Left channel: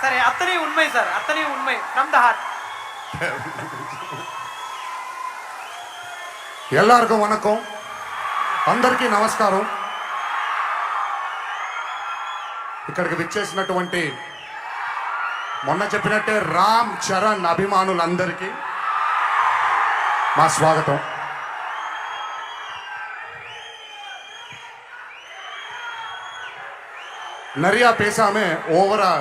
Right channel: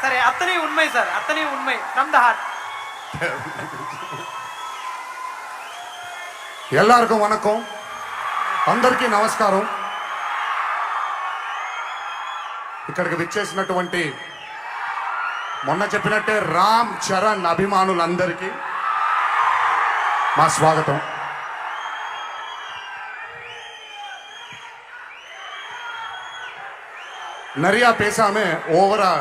சரி, அத்தனை உண்மை சார், அத்தனை உண்மை. From the heart. எல்லாருக்கும் வணக்கம், అందరికీ నమస్కారం. ఇక్కడికి విచ్చేసినటువంటి మొన్న చెప్పినట్టే రామ్ చరణ్ అభిమానులందరికీ మా స్వాగతం. நிறையா பேசாம ஓவரா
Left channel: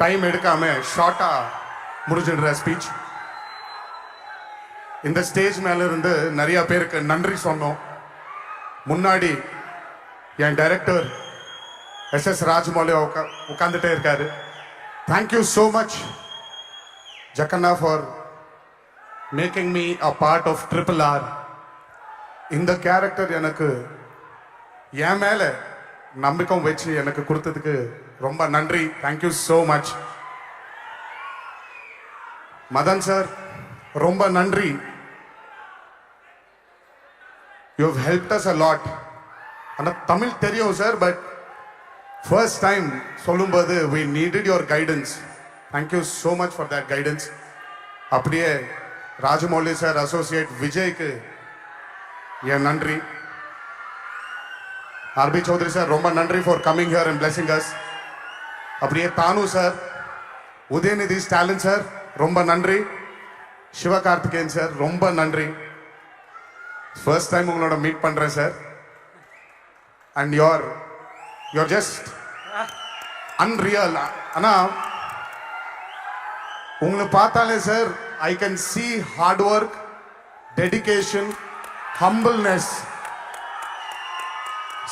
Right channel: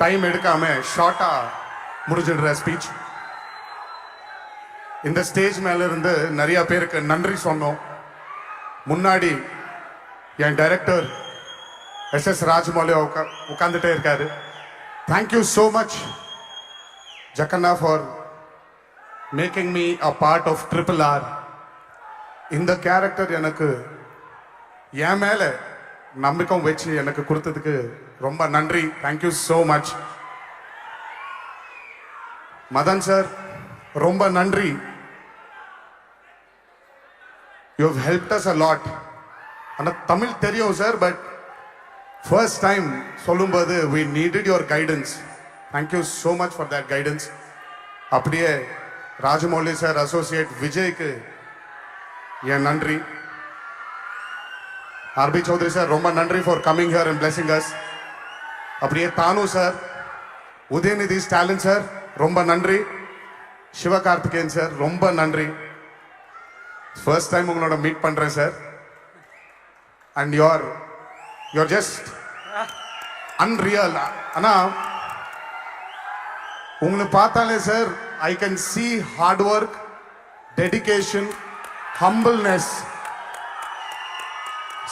டைம் எடுக்காம ஷார்ட்டா முடிஞ்சிடுற ஸ்பீச். இந்த ஸ்டேஜ் மேல இருந்து நிறைய பேருக்கு நன்றி சொன்னோம். முன்னாடி என் டைரக்டர் எஸ் ராஜமௌலி உட்கார்ந்துட்டே இருக்காரு. Thank you so much Jakkanna for making me a part of RRR. இந்த கேரக்டர் எனக்கு என் மேல நம்பிக்கை வச்சு எனக்கு கொடுத்ததுக்கு ரொம்ப நன்றி. Thank you so much. Madhan sir ரொம்ப நன்றி. You have helped us a lot. ஆனால் தமிழ் தெரியும் சார், பட் ஃபர்ஸ்ட் டைம் சொல்லும்போது we needed your guidance. Thank you so much for that guidance. அப்படியே ராஜமௌலி சார், அசோசியேட் விஜய்க்கு என் நன்றி. ஆர்பி சௌத்ரி சார் ரொம்ப நன்றி for coming here and blessing as. அப்படியே தானு sir, Udhayanidhi Stalin sir ரொம்ப நன்றி. சிவகார்த்திகேயன் சார் ரொம்ப நன்றி. ஃபர்ஸ்ட் டைம் உங்களோட மீட் பண்றேன் சார். And you're just unreal. ஆனா உங்களை பார்த்தாலே sir I can see hard work, dedication, humbleness.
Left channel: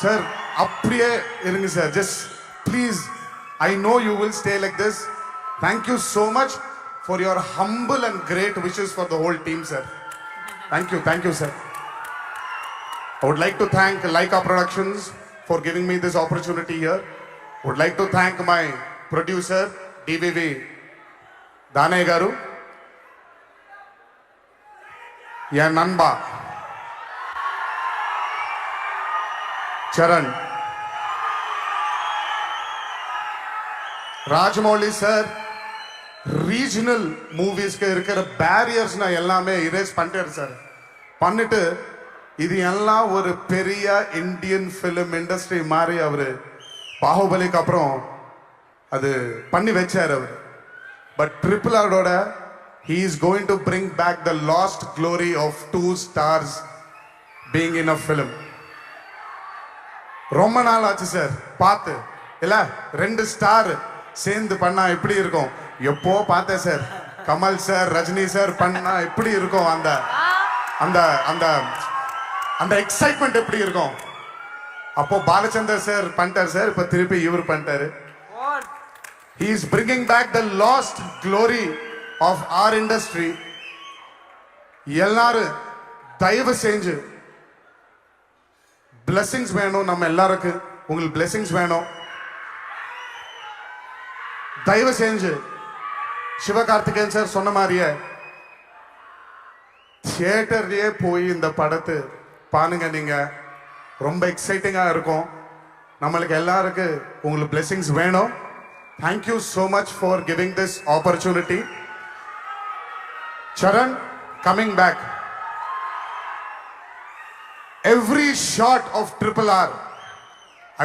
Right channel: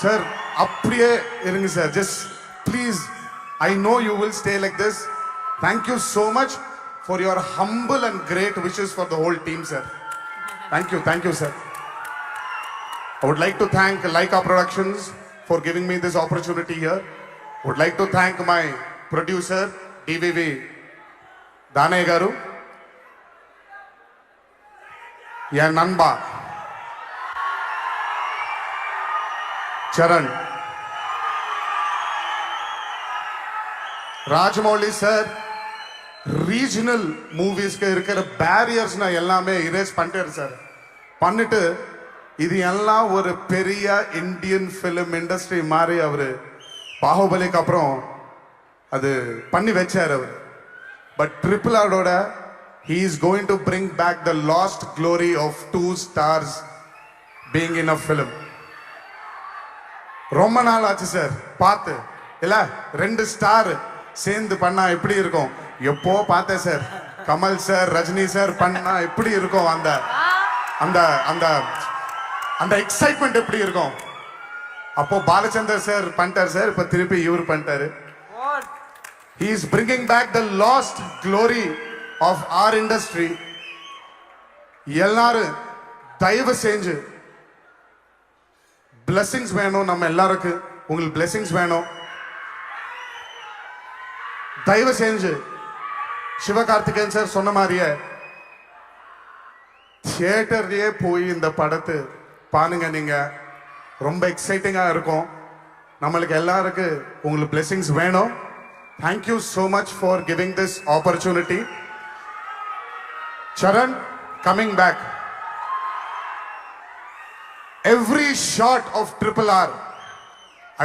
Sir அப்படியே இருங்க sir. Just please, I know you will stay like this. Thank you so much for your humble and great wishes for the whole team sir. Thank you sir. I would like to thank Laika Productions for giving me this opportunity here. I would like to thank my producer DVV Dane Garu, ya Nanba Charan, Rajmouli sir. Regional movies ke irukira barriers na ellame erase பண்ணிட்டாரு sir. பண்ணிட்டு இது எல்லாம் ஒரு பெரிய Indian film industry மாதிரி அவரு பாகுபலிக்கு அப்புறம் அது பண்ணி வச்சார் அவர். பட் RRRோட he is going to bring back the lost glory of 2 stars being in a film. ரொம்ப நாள் ஆச்சு சார் பார்த்து. இல்ல 2 ஸ்டார் சேர்ந்து பண்ணா எப்படி இருக்கும்? எப்போ பார்த்தேன் sir, Kamal sir, Rajini sir பண்ணா எப்படி இருக்கும்? அந்த அந்த அந்த அந்த எக்ஸைட்மெண்ட் எப்படி இருக்கும்? அப்போ பாலச்சந்தர் சார் பண்ணிட்டாரு சார், இப்ப திருப்பி இவர் பண்ணிட்டாரு. He is bringing back the lost glory of our industry. எல்லாரும் தயவு செஞ்சு blessings வேணும். நம்ம எல்லாருக்கும் உங்களுக்கு blessings வேணும். தயவு செஞ்சு சிவகார்த்திகேயன் சார் சொன்ன மாதிரியே தியேட்டர்லயே போய் இந்த படத்தை பாருங்க. நீங்க ரொம்ப எக்ஸைட்டிங்கா இருக்கும். நம்மளுக்கு எல்லாருக்கும் உங்களுக்கு blessings வேணும். Thank you so much for giving this opportunity. Charan, coming back. Every shot of RRR,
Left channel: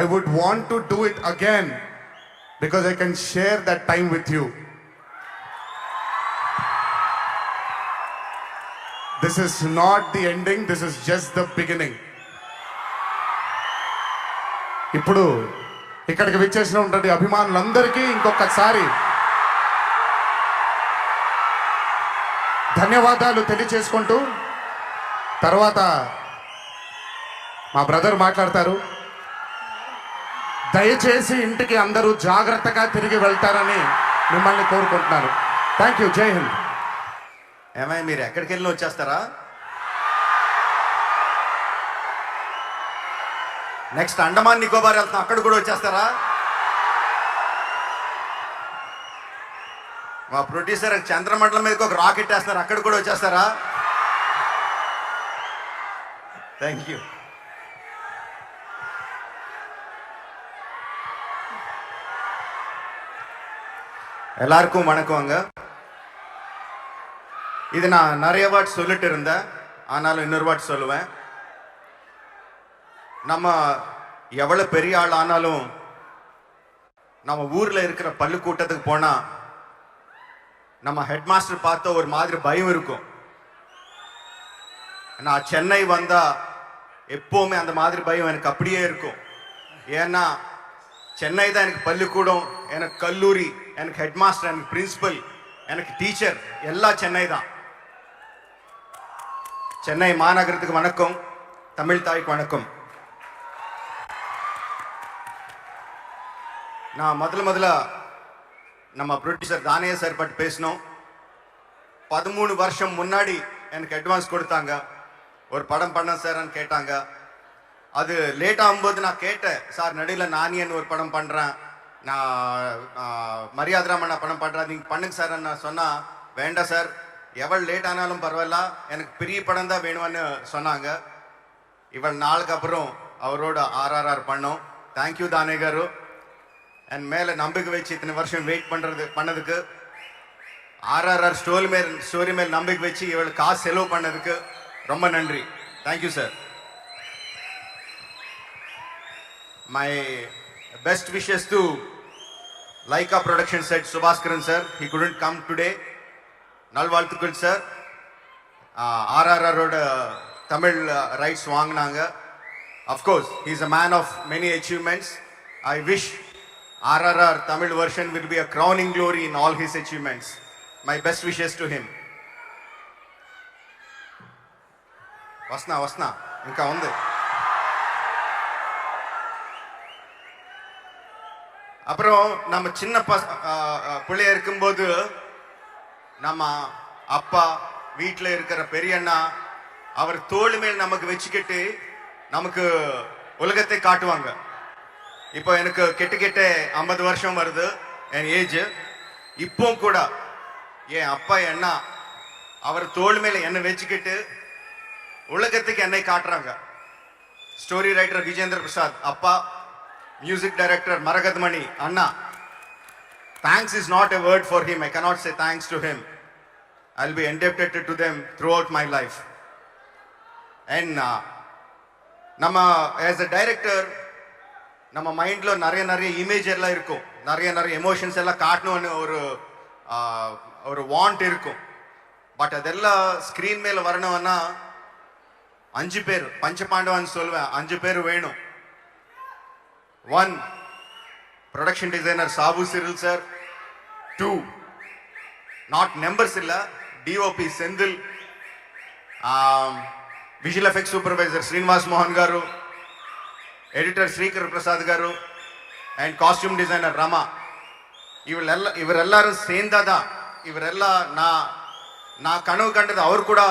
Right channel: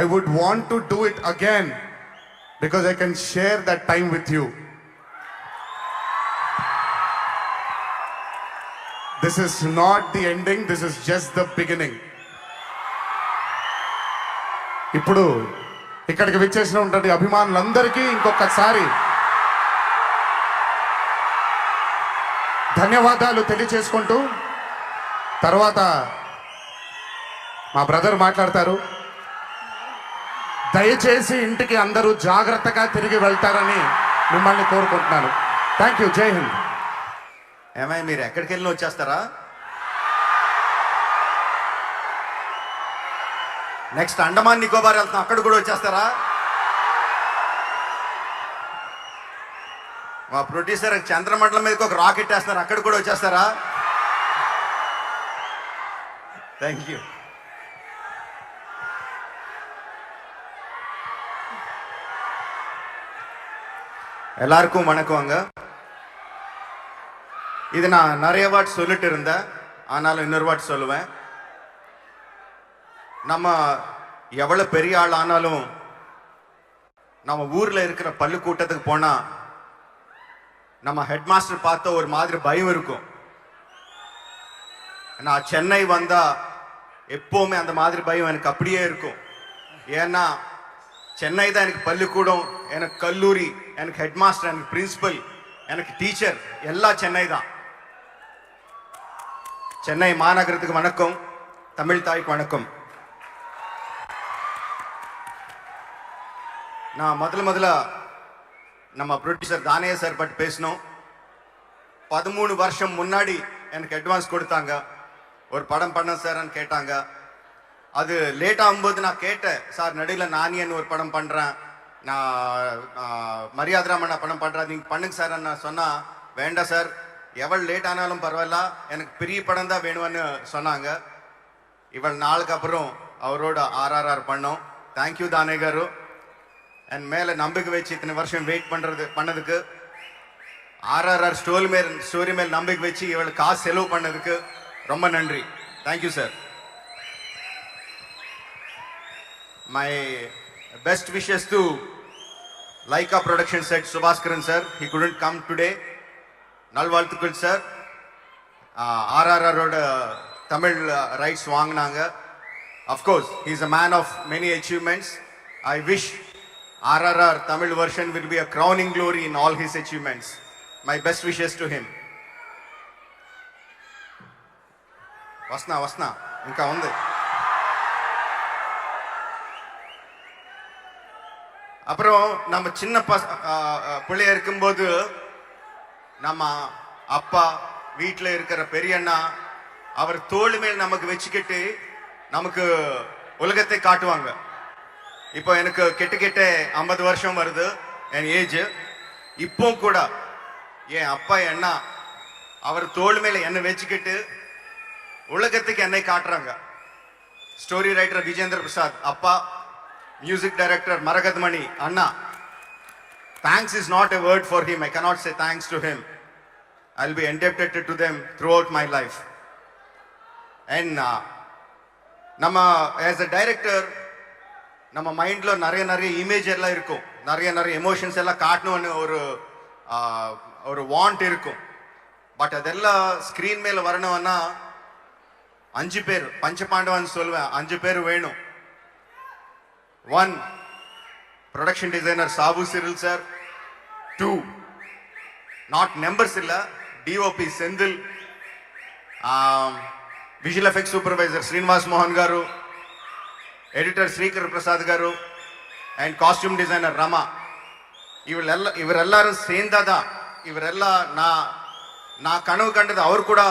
I would want to do it again because I can share that time with you. This is not the ending, this is just the beginning. ఇప్పుడు ఇక్కడికి విచ్చేసినటువంటి అభిమానులందరికీ ఇంకొకసారి ధన్యవాదాలు తెలియజేసుకుంటూ తర్వాత మా brother మాట్లాడతారు. దయచేసి ఇంటికి అందరూ జాగ్రత్తగా తిరిగి వెళ్తారని మిమ్మల్ని కోరుకుంటున్నాను. Thank you. జై హింద్. ఏమై మీరు ఎక్కడికి వెళ్ళి వచ్చేస్తారా? నెక్స్ట్ అండమాన్ నికోబార్ వెళ్తాం, అక్కడ కూడా వచ్చేస్తారా? మా ప్రొడ్యూసర్ చంద్రమండలం మీదకి ఒక రాకెట్ వేస్తున్నారు, అక్కడ కూడా వచ్చేస్తారా? Thank you. எல்லாருக்கும் வணக்கங்க. இது நான் நிறைய வாட் சொல்லிட்டு இருந்தேன், ஆனாலும் இன்னொரு வாட் சொல்லுவேன். நம்ம எவ்வளவு பெரிய ஆள் ஆனாலும் நம்ம ஊர்ல இருக்கிற பள்ளிக்கூட்டத்துக்கு போனா நம்ம ஹெட் மாஸ்டர் பார்த்த ஒரு மாதிரி பயம் இருக்கும். நான் சென்னை வந்தா எப்பவுமே அந்த மாதிரி பயம் எனக்கு அப்படியே இருக்கும். ஏன்னா சென்னை தான் எனக்கு பள்ளிக்கூடம், எனக்கு கல்லூரி, எனக்கு ஹெட் மாஸ்டர், எனக்கு பிரின்சிபல், எனக்கு டீச்சர், எல்லாம் சென்னை தான். சென்னை மாநகரத்துக்கு வணக்கம், தமிழ் தாய்க்கு வணக்கம். நான் முதல்ல நம்ம ப்ரொடியூசர் தானே சார் பற்றி பேசணும். 13 வருஷம் முன்னாடி எனக்கு அட்வான்ஸ் கொடுத்தாங்க, ஒரு படம் பண்ண சார்ன்னு கேட்டாங்க. அது லேட் ஆகும்போது நான் கேட்டேன், சார் நடுவில் நானியன் ஒரு படம் பண்றேன், நான் மரியாதை ராமண்ணா படம் பண்றேன், நீங்க பண்ணுங்க சார். நான் சொன்னா வேண்டாம் சார், எவ்வளவு லேட் ஆனாலும் பரவாயில்ல, எனக்கு பெரிய படம் தான் வேணும்னு சொன்னாங்க. இவள் நாளுக்கு அப்புறம் அவரோட RRR பண்ணோம். தேங்க்யூ தானே காரு. என் மேல நம்பிக்கை வச்சு இத்தனை வருஷம் வெயிட் பண்ணதுக்கு, RRR ஸ்டோரி மேல் நம்பிக்கை வச்சு இவள் காசு செலவு பண்ணதுக்கு ரொம்ப நன்றி. Thank you sir. My best wishes to Laika Productions head Subhaskaran sir. He couldn't come today. நல்வாழ்த்துக்கள் சார். RRR ஓட தமிழ் ரைட்ஸ் வாங்கினாங்க. Of course, he is a man of many achievements. I wish RRR Tamil version will be a crowning glory in all his achievements. My best wishes to him. వస్తున్నా ఇంకా ఉంది. அப்புறம் நம்ம சின்ன பிள்ளைய இருக்கும்போது நம்ம அப்பா வீட்டில் இருக்கிற பெரியண்ணா அவர் தோள் மேல் நமக்கு வச்சுக்கிட்டு நமக்கு உலகத்தை காட்டுவாங்க. இப்போ எனக்கு கிட்ட 50 வருஷம் வருது என் ஏஜ். இப்போ கூட என் அப்பா என்ன அவர் தோள் மேல என்ன வச்சுக்கிட்டு உலகத்துக்கு என்னை காட்டுறாங்க. ஸ்டோரி ரைட்டர் விஜேந்திர பிரசாத் அப்பா, மியூசிக் டைரக்டர் மரகத் மணி அண்ணா. Thanks is not a word for him. I cannot say thanks to him. I'll be indebted to them throughout my life. And நம்ம as a director நம்ம மைண்ட்ல நிறைய இமேஜ் எல்லாம் இருக்கும், நிறைய எமோஷன்ஸ் எல்லாம் காட்டணும்னு ஒரு வாண்ட் இருக்கும். பட் அதெல்லாம் ஸ்கிரீன் மேல வரணும்னா 5 பேர் பஞ்சபாண்டவான்னு சொல்லுவேன், 5 பேர் வேணும். 1 production designer Sabu Cyril sir. 2 not numbers illa DOP Sendil, visual effects supervisor Srinivas Mohan garu, editor Srikar Prasad garu, and costume designer Rama. இவரெல்லாரும் சேர்ந்தாதான், இவரெல்லாம் நான் கனவு கண்டது அவர் கூட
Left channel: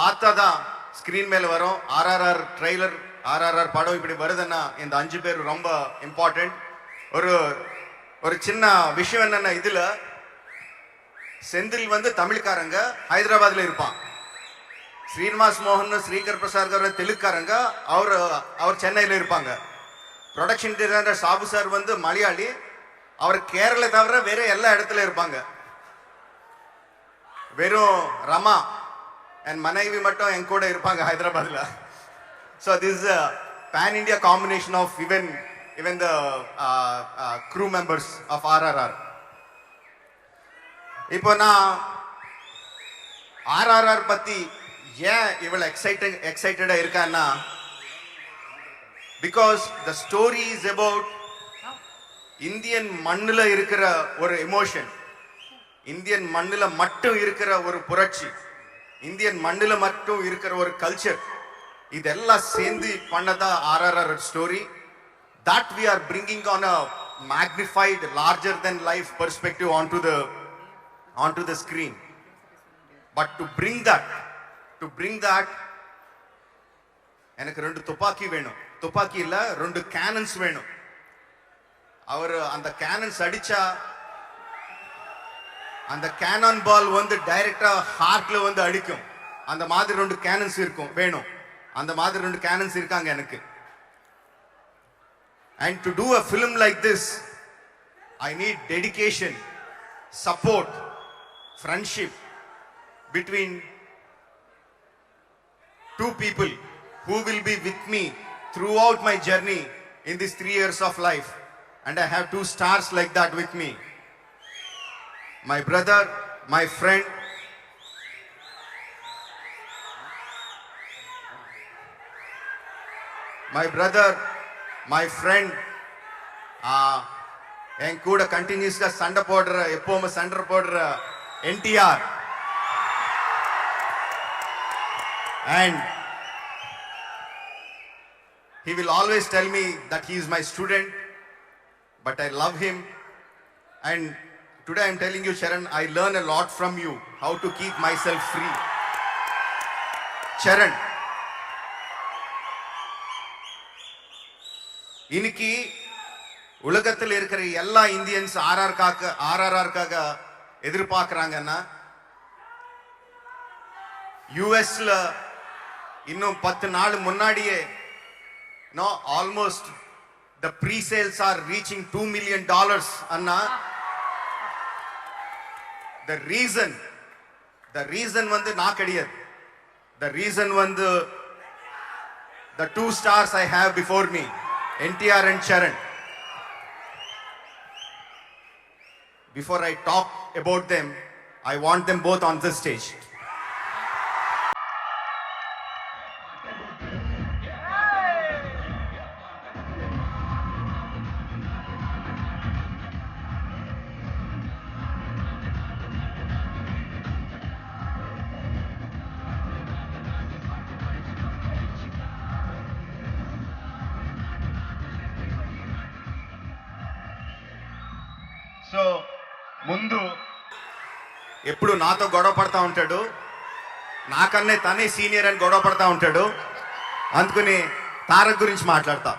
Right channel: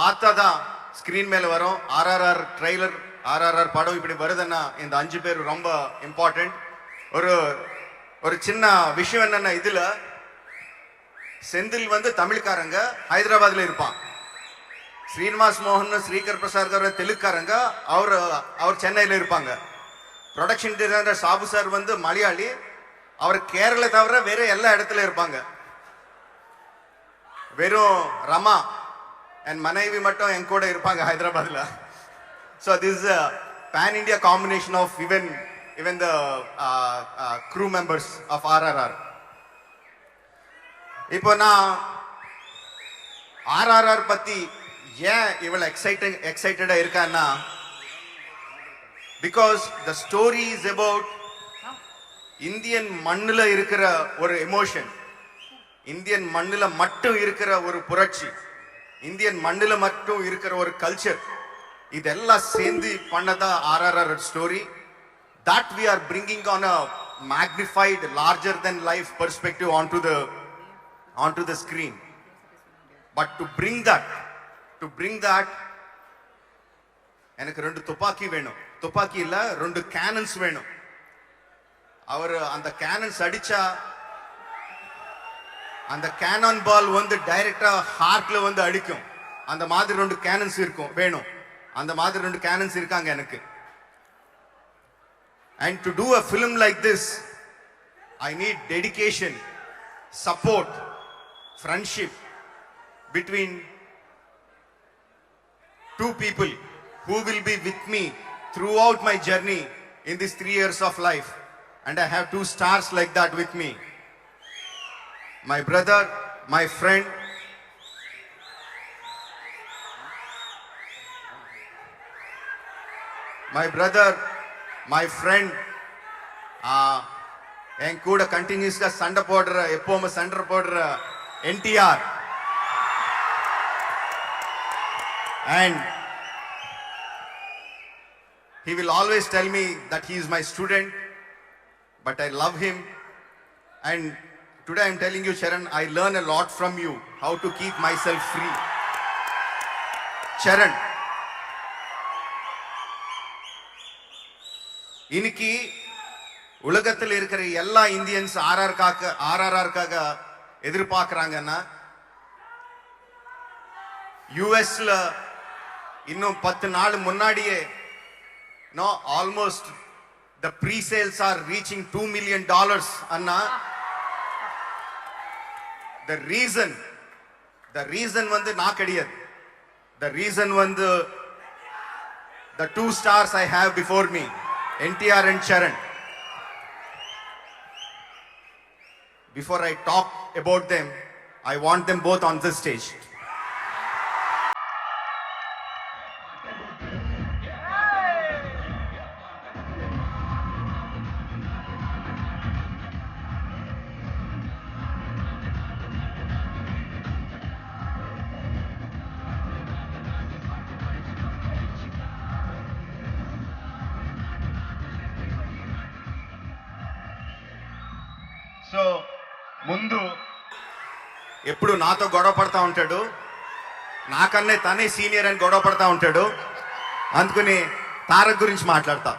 பார்த்தாதான் ஸ்கிரீன் மேல வரும். RRR ட்ரெய்லர், RRR படம் இப்படி வருதுன்னா இந்த 5 பேர் ரொம்ப இம்பார்ட்டன்ட். ஒரு சின்ன விஷயம் என்னன்னா, இதுல செந்தில் வந்து தமிழ்காரங்க ஹைதராபாத்ல இருப்பான், ஸ்ரீனிவாஸ் மோகன் ஸ்ரீகர் பிரசாத் கார தெலுங்காரங்க, அவர் சென்னையில இருப்பாங்க. ப்ரொடக்ஷன் டிசைனர் சாபு சார் வந்து மலையாளி, அவர் கேரள தவிர வேற எல்லா இடத்துல இருப்பாங்க. வெறும் ரமா என் மனைவி மட்டும் என் கூட இருப்பாங்க ஹைதராபாத்ல. So this is a pan India combination of even the crew members of RRR. இப்போ நான் RRR பத்தி ஏன் இவ்வளவு எக்ஸைட்டடா இருக்கான்னா, because the story is about Indian மண்ணுல இருக்கிற ஒரு எமோஷன், இந்தியன் மண்ணுல மட்டும் இருக்கிற ஒரு புரட்சி, இந்தியன் மண்ணுல மட்டும் இருக்கிற ஒரு கல்ச்சர், இதெல்லாம் சேர்ந்து பண்ணதா RRR story. That we are bringing on a magnified, larger than life perspective onto the screen. But to bring that எனக்கு 2 துப்பாக்கி வேணும். துப்பாக்கி இல்ல, 2 கேனன்ஸ் வேணும். அவர் அந்த கேனன்ஸ் அடிச்சா அந்த கேனான் பால் வந்து டைரக்டா ஹார்ட்ல வந்து அடிக்கும். அந்த மாதிரி 2 கேனன்ஸ் வேணும். அந்த மாதிரி 2 கேனன்ஸ் இருக்காங்க எனக்கு. And to do a film like this, I need dedication, support, friendship between two people who will be with me throughout my journey in these 3 years of life. And I have two stars like that with me. My brother, my friend, my friend, என் கூட கண்டினியூஸ்గా சண்டை போடுற எப்பவுமே சண்டை போடுற NTR. And he will always tell me that he is my student, but I love him. And today I'm telling you, Charan, I learn a lot from you, how to keep myself free. Charan, இன்னைக்கு உலகத்தில் இருக்கிற எல்லா Indians ஆர்ஆர்ஆர்க்காக எதிர்பார்க்கறாங்கன்னா யுஎஸ்ல இன்னும் 10 நாள் முன்னாடியே almost the pre-sales are reaching $2 million Anna. the reason வந்து நான் கிடையாது. the reason வந்து the two stars I have before me, NTR and Charan. Before I talk about them, I want them both on this stage. So ముందు ఎప్పుడు నాతో గొడవ పడతా ఉంటాడు, నాకన్నే తనే సీనియర్ అని గొడవ పడతా ఉంటాడు. అందుకని తారక్ గురించి మాట్లాడతా.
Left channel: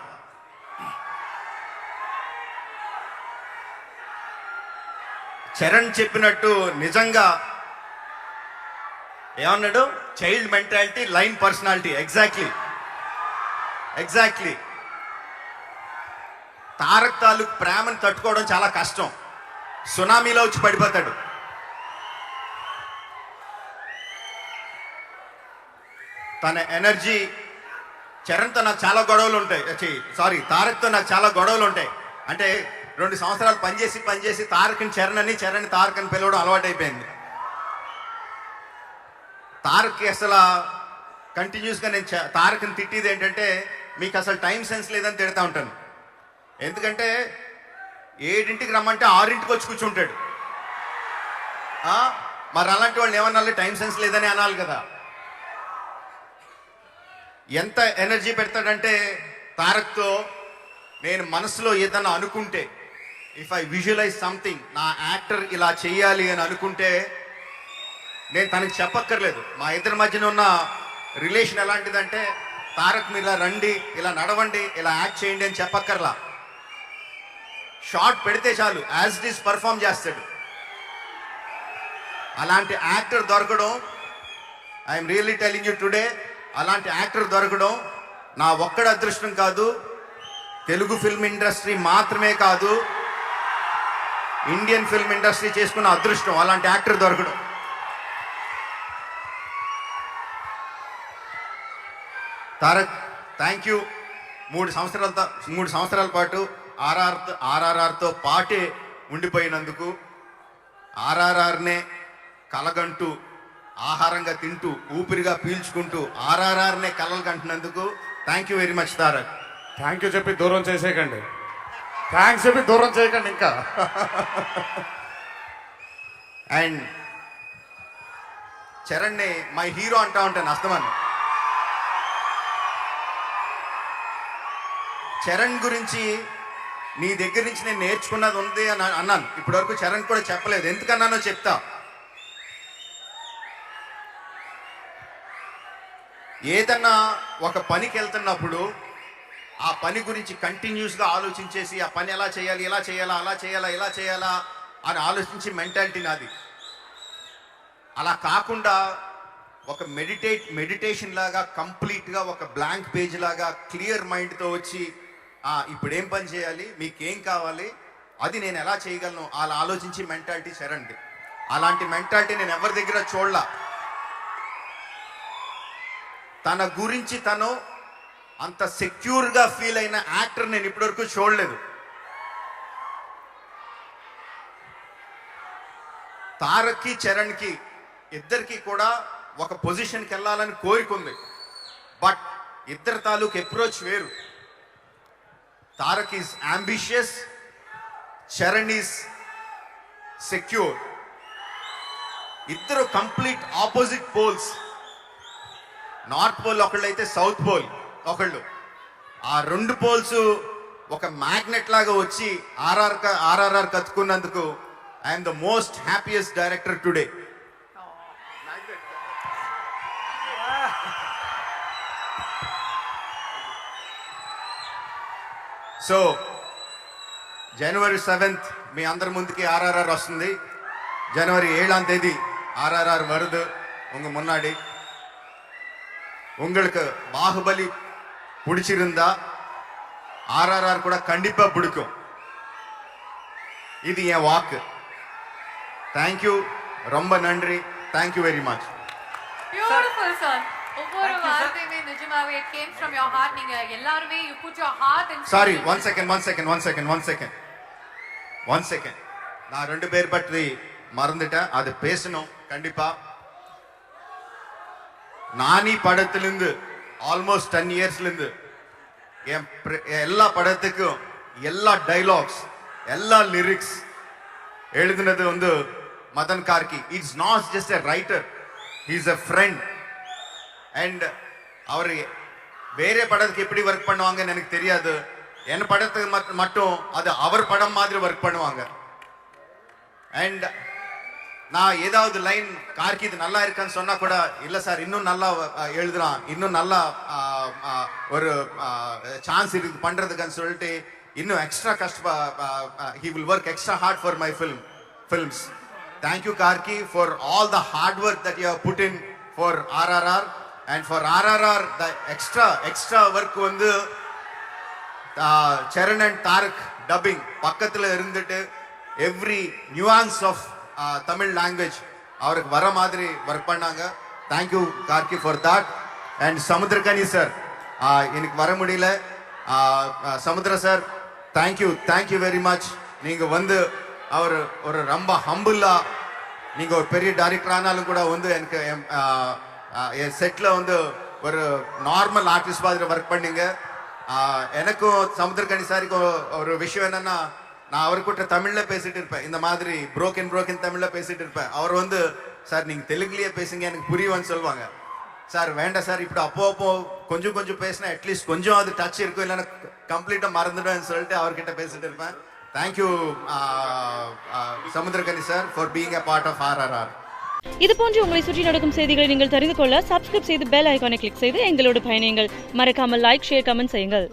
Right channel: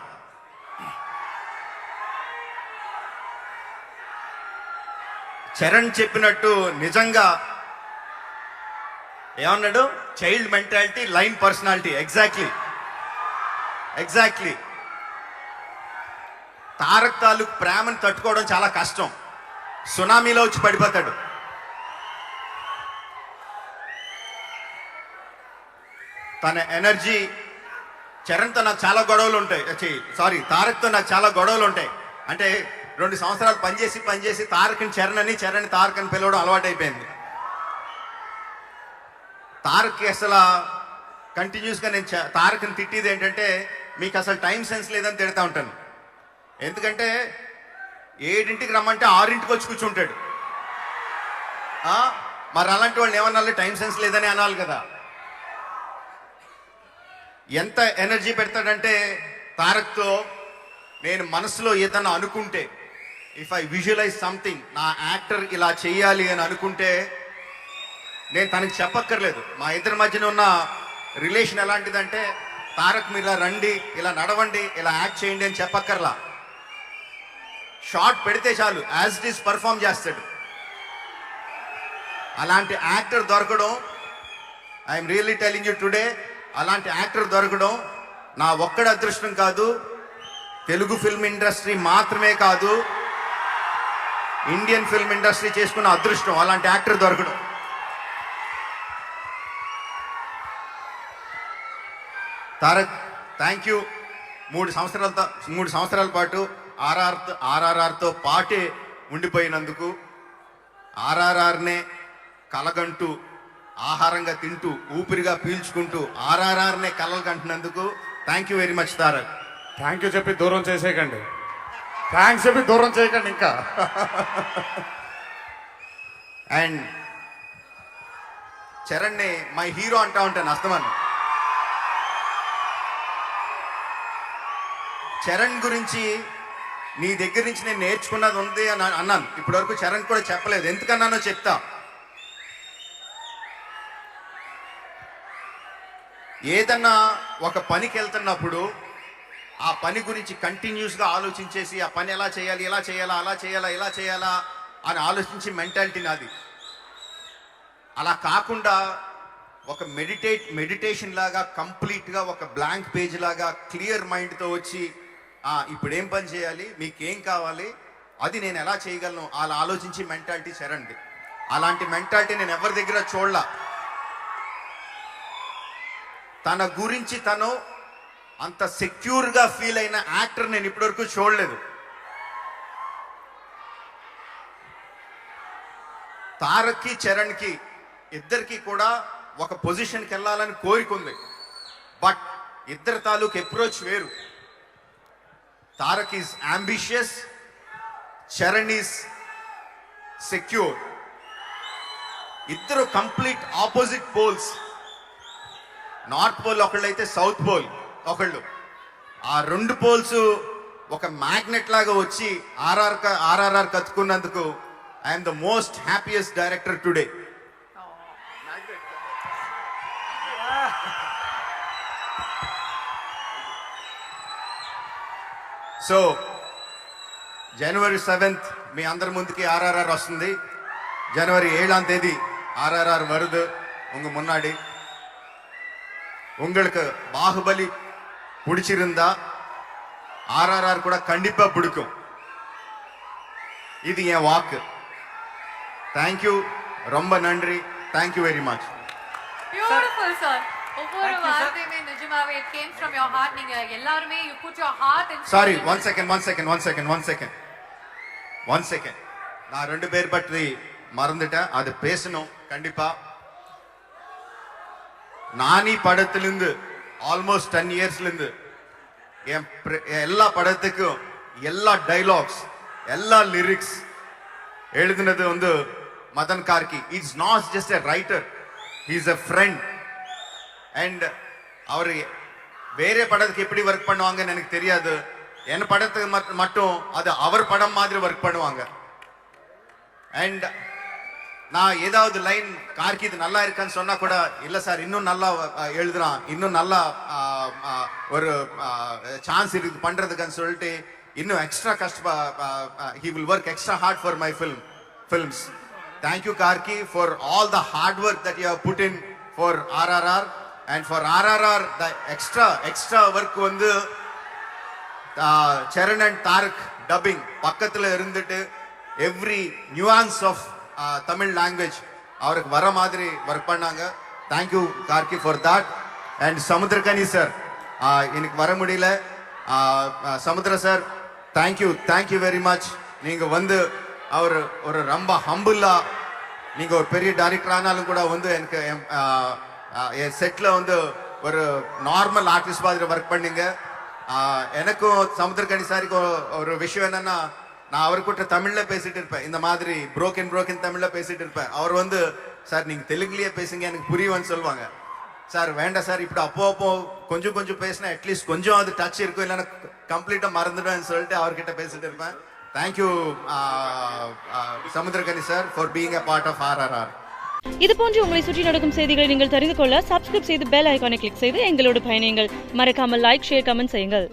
చరణ్ చెప్పినట్టు నిజంగా ఏమన్నాడు, child mentality, line personality. Exactly Tarak తాలూకు ప్రేమను తట్టుకోవడం చాలా కష్టం. సునామీలో వచ్చి పడిపోతాడు. తన ఎనర్జీ, చరణ్తో నాకు చాలా గొడవలు ఉంటాయి. తారక్తో నాకు చాలా గొడవలు ఉంటాయి. అంటే 2 సంవత్సరాలు పనిచేసి తారక్ని చరణ్ అని, చరణ్ తారక్ అని పిలవడం అలవాటైపోయింది. తారక్కి అసలు కంటిన్యూస్గా నేను తారక్ని తిట్టేది ఏంటంటే, మీకు అసలు టైం సెన్స్ లేదని తిడతా ఉంటాను. ఎందుకంటే 7ంటికి రమ్మంటే 6ంటికి వచ్చి కూర్చుంటాడు. మరి అలాంటి వాళ్ళు ఏమన్నా టైం సెన్స్ లేదని అనాలి కదా. ఎంత ఎనర్జీ పెడతాడంటే తారక్తో నేను మనసులో ఏదన్నా అనుకుంటే, ఇఫ్ ఐ విజువలైజ్ సంథింగ్, నా యాక్టర్ ఇలా చేయాలి అని అనుకుంటే నేను తనకి చెప్పక్కర్లేదు. మా ఇద్దరి మధ్యన ఉన్న రిలేషన్ ఎలాంటిదంటే, తారక్ మీరు ఇలా రండి, ఇలా నడవండి, ఇలా యాక్ట్ చేయండి అని చెప్పక్కర్లా. షార్ట్ పెడితే చాలు, యాజ్ ఇట్ ఈస్ పర్ఫామ్ చేస్తాడు. అలాంటి యాక్టర్ దొరకడం, I'm really telling you today, అలాంటి యాక్టర్ దొరకడం నా ఒక్కడి అదృష్టం కాదు, తెలుగు ఫిల్మ్ ఇండస్ట్రీ మాత్రమే కాదు, ఇండియన్ ఫిల్మ్ ఇండస్ట్రీ చేసుకున్న అదృష్టం అలాంటి యాక్టర్ దొరకడం. Tarak, thank you. 3 సంవత్సరాల పాటు ఆర్ఆర్ఆర్తో పాటే ఉండిపోయినందుకు, ఆర్ఆర్ఆర్నే కలగంటూ, ఆహారంగా తింటూ, ఊపిరిగా పీల్చుకుంటూ ఆర్ఆర్ఆర్నే కలలు కంటున్నందుకు thank you very much Tarak. Thank you చెప్పి దూరం చేసేయకండి, థ్యాంక్స్ చెప్పి దూరం చేయకండి ఇంకా. అండ్ చరణ్ని మై హీరో అంటా ఉంటాను అస్తమాను. చరణ్ గురించి నీ దగ్గర నుంచి నేను నేర్చుకున్నది ఉంది అని అన్నాను. ఇప్పటివరకు చరణ్ కూడా చెప్పలేదు, ఎందుకన్నానో చెప్తా. ఏదన్నా ఒక పనికి వెళ్తున్నప్పుడు ఆ పని గురించి కంటిన్యూస్గా ఆలోచించేసి, ఆ పని ఎలా చేయాలి, ఇలా చేయాలా, అలా చేయాలా, ఇలా చేయాలా అని ఆలోచించి మెంటాలిటీ నాది. అలా కాకుండా ఒక మెడిటేషన్ లాగా, కంప్లీట్గా ఒక బ్లాంక్ పేజ్ లాగా క్లియర్ మైండ్తో వచ్చి, ఇప్పుడు ఏం పని చేయాలి, మీకేం కావాలి, అది నేను ఎలా చేయగలను అలా ఆలోచించి మెంటాలిటీ చరణ్ది. అలాంటి మెంటాలిటీ నేను ఎవరి దగ్గర చూడలా. తన గురించి తను అంత సెక్యూర్ గా ఫీల్ అయిన యాక్టర్ నేను ఇప్పటివరకు చూడలేదు. తారక్కి చరణ్కి ఇద్దరికి కూడా ఒక పొజిషన్కి వెళ్ళాలని కోరికుంది. బట్ ఇద్దరు తాలూకు అప్రోచ్ వేరు. Tarak is ambitious, Charan is secure. ఇద్దరు complete opposite poles. North pole ఒకళ్ళైతే సౌత్ పోల్ ఒకళ్ళు. ఆ రెండు పోల్స్ ఒక మ్యాగ్నెట్ లాగా వచ్చి ఆర్ఆర్ఆర్ కత్తుకున్నందుకు I am the most happiest director today. So జనవరి 7th మీ అందరి ముందుకి ఆర్ఆర్ఆర్ వస్తుంది. జనవరి 7ஆம் தேதி ஆர்ஆர்ஆர் வருது உங்க முன்னாடி. உங்களுக்கு பாகுபலி பிடிச்சிருந்தா ஆர்ஆர்ஆர் கூட கண்டிப்பா பிடிக்கும். இது என் வாக்கு. தேங்க்யூ, ரொம்ப நன்றி. Thank you very much. Beautiful, sir. ஒவ்வொரு Thank you, sir. வார்த்தையுமே நிஜமாவே it came from your heart. நீங்க எல்லாருமே you put your heart and sorry, one second. நான் 2 பேர் பற்றி மறந்துட்டேன், அது பேசணும் கண்டிப்பா. நானி படத்திலிருந்து ஆல்மோஸ்ட் 10 இயர்ஸ்ல இருந்து எல்லா படத்துக்கும் எல்லா டைலாக்ஸ் எல்லா லிரிக்ஸ் எழுதினது வந்து Madhan Karky. It's not just a writer, he is a friend. And அவர் வேற படத்துக்கு எப்படி ஒர்க் பண்ணுவாங்கன்னு எனக்கு தெரியாது. என் படத்துக்கு மட்டும் அது அவர் படம் மாதிரி ஒர்க் பண்ணுவாங்க. அண்ட் நான் ஏதாவது லைன் கார்கி இது நல்லா இருக்கான்னு சொன்னா கூட இல்ல சார் இன்னும் நல்லா எழுதுறான், இன்னும் நல்லா ஒரு சான்ஸ் இருக்கு பண்றதுக்குன்னு சொல்லிட்டு இன்னும் extra he will work extra hard for my films. Thank you Karki for all the hard work that you have put in for RRR, and for RRR the extra work வந்து சரண் and Tarak dubbing பக்கத்துல இருந்துட்டு every nuance of Tamil language அவருக்கு வர மாதிரி work பண்ணாங்க. Thank you Karki for that. and Samuthirakani sir எனக்கு வர முடியல. சமுத்திர sir thank you very much. நீங்க வந்து அவர் ஒரு ரொம்ப ஹம்பிளா, நீங்க ஒரு பெரிய டைரக்டர் ஆனாலும் கூட வந்து எனக்கு என் செட்ல வந்து ஒரு நார்மல் ஆர்டிஸ்ட் மாதிரி ஒர்க் பண்ணீங்க. எனக்கும் சமுத்திரகனி சாருக்கும் ஒரு விஷயம் என்னன்னா, நான் அவர்கிட்ட தமிழ்ல பேசிட்டு இருப்பேன், இந்த மாதிரி புரோக்கன் தமிழ்ல பேசிட்டு இருப்பேன். அவர் வந்து சார் நீங்க தெலுங்குலயே பேசுங்க எனக்கு புரியும்னு சொல்லுவாங்க. சார் வேண்டாம் சார், இப்படி அப்போ கொஞ்சம் பேசினா அட்லீஸ்ட் கொஞ்சம் அது டச் இருக்கும், இல்லைன்னா கம்ப்ளீட்டா மறந்துடுவேன்னு சொல்லிட்டு அவர்கிட்ட பேசிட்டு இருப்பேன். Thank you Samuthirakani sir for being a part of RRR. இது போன்று உங்களை சுற்றி நடக்கும் செய்திகளை நீங்கள் தெரிந்து கொள்ள சப்ஸ்கிரைப் செய்து பெல் ஐகானை கிளிக் செய்து எங்களோடு பயணியுங்கள். மறக்காமல் லைக், ஷேர், கமெண்ட் செய்யுங்கள்.